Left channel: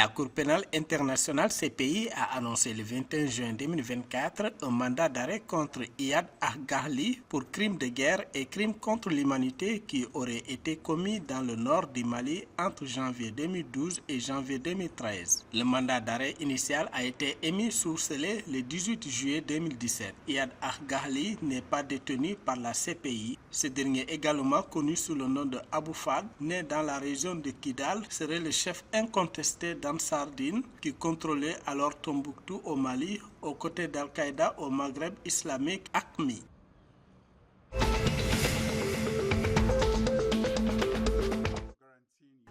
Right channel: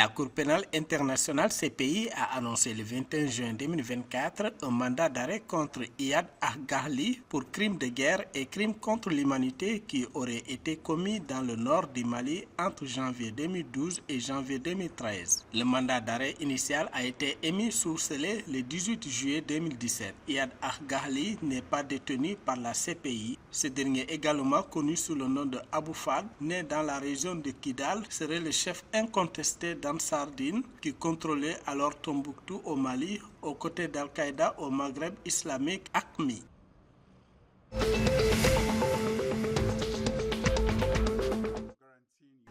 La Cour pénale internationale CPI a annoncé le 21 juin 2024 un mandat d'arrêt contre Iyad Aghali pour crimes de guerre et crimes contre l'humanité qui auraient été commis dans le nord du Mali entre janvier 2012 et janvier 2013. Le mandat d'arrêt initial a été émis sous scellé le 18 juillet 2017. Iyad Aghali n'est pas détenu par la CPI. Ce dernier, également connu sous le nom de Abou Fad, né dans la région de Kidal, serait le chef incontesté d'Ansar Dine qui contrôlait alors Tombouctou au Mali aux côtés d'Al-Qaïda au Maghreb islamique AQMI.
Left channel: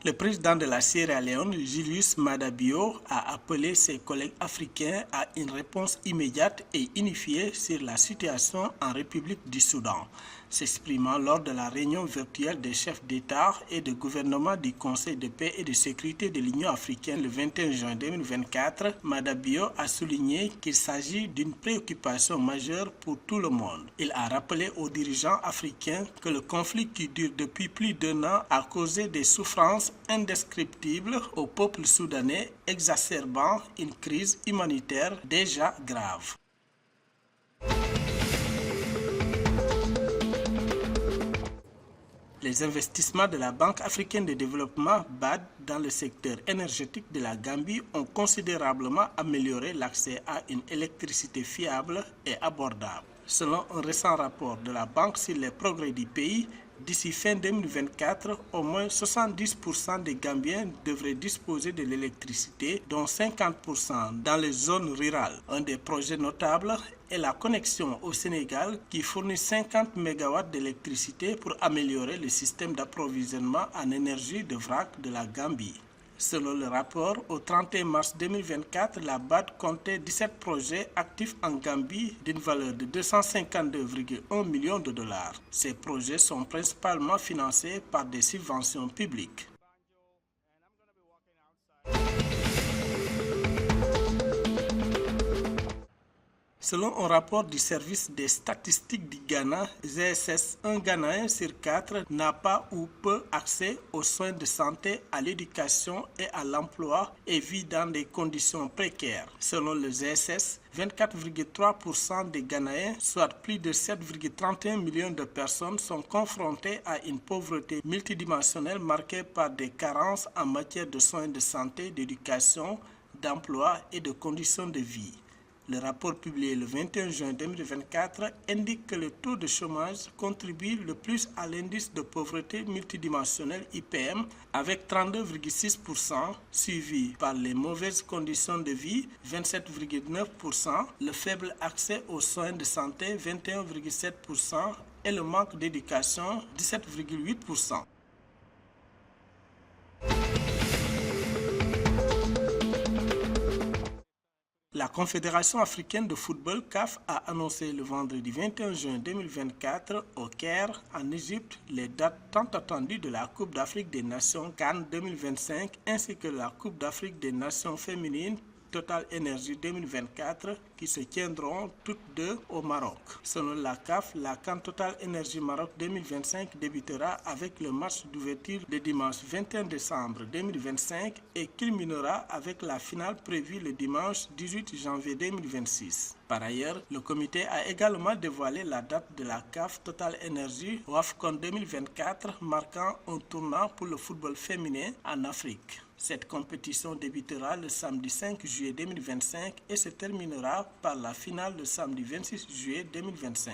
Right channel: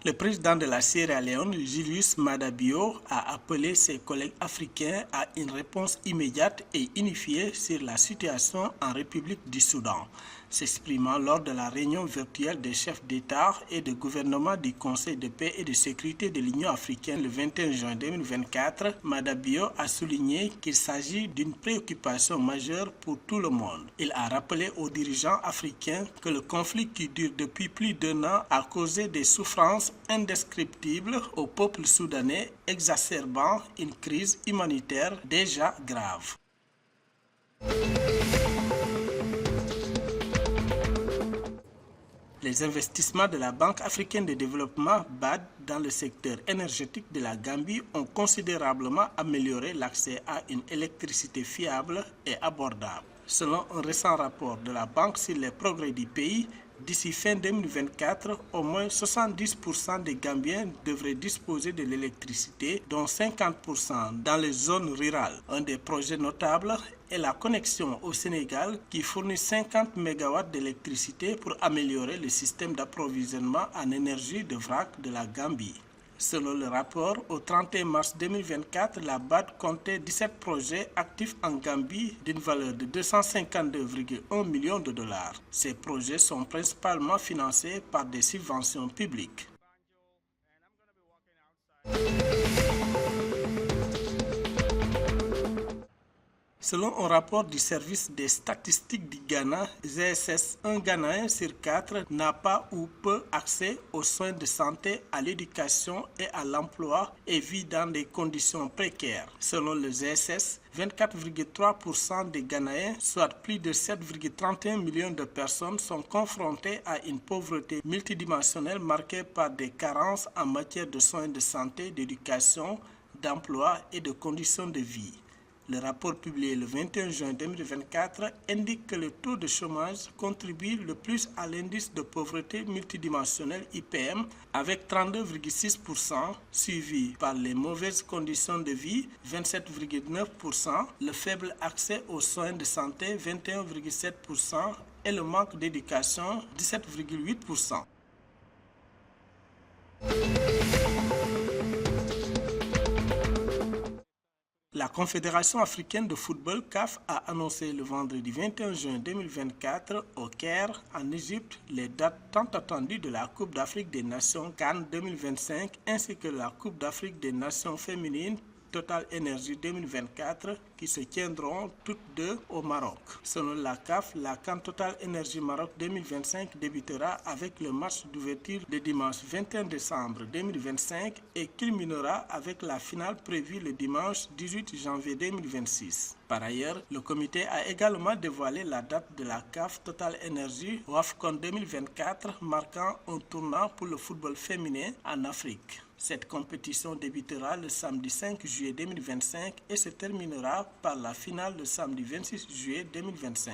Le président de la Sierra Leone, Julius Maada Bio, a appelé ses collègues africains à une réponse immédiate et unifiée sur la situation en République du Soudan. S'exprimant lors de la réunion virtuelle des chefs d'État et de gouvernement du Conseil de paix et de sécurité de l'Union africaine le 21 juin 2024, Maada Bio a souligné qu'il s'agit d'une préoccupation majeure pour tout le monde. Il a rappelé aux dirigeants africains que le conflit qui dure depuis plus d'1 an a causé des souffrances indescriptibles au peuple soudanais, exacerbant une crise humanitaire déjà grave. Les investissements de la Banque africaine de développement BAD dans le secteur énergétique de la Gambie ont considérablement amélioré l'accès à une électricité fiable et abordable. Selon un récent rapport de la banque sur les progrès du pays, d'ici fin 2024, au moins 70% des Gambiens devraient disposer de l'électricité, dont 50% dans les zones rurales. Un des projets notables est la connexion au Sénégal qui fournit 50 MW d'électricité pour améliorer le système d'approvisionnement en énergie de vrac de la Gambie. Selon le rapport, au 31 mars 2024, la BAD comptait 17 projets actifs en Gambie d'une valeur de 252,1 millions de dollars. Ces projets sont principalement financés par des subventions publiques. Selon un rapport du service des statistiques du Ghana, GSS, un Ghanéen sur 4 n'a pas ou peu accès aux soins de santé, à l'éducation et à l'emploi et vit dans des conditions précaires. Selon le GSS, 24,3% des Ghanéens, soit plus de 7,31 millions de personnes, sont confrontés à une pauvreté multidimensionnelle marquée par des carences en matière de soins de santé, d'éducation, d'emploi et de conditions de vie. Le rapport publié le 21 juin 2024 indique que le taux de chômage contribue le plus à l'indice de pauvreté multidimensionnelle IPM avec 32,6%, suivi par les mauvaises conditions de vie 27,9%, le faible accès aux soins de santé 21,7% et le manque d'éducation 17,8%. La Confédération africaine de football CAF a annoncé le vendredi 21 juin 2024 au Caire, en Égypte, les dates tant attendues de la Coupe d'Afrique des Nations CAN 2025 ainsi que la Coupe d'Afrique des Nations féminines Total Energy 2024 qui se tiendront toutes deux au Maroc. Selon la CAF, la CAN Total Energy Maroc 2025 débutera avec le match d'ouverture le dimanche 21 décembre 2025 et culminera avec la finale prévue le dimanche 18 janvier 2026. Par ailleurs, le comité a également dévoilé la date de la CAF Total Energy WAFCON 2024 marquant un tournant pour le football féminin en Afrique. Cette compétition débutera le samedi 5 juillet 2025 et se terminera par la finale le samedi 26 juillet 2025.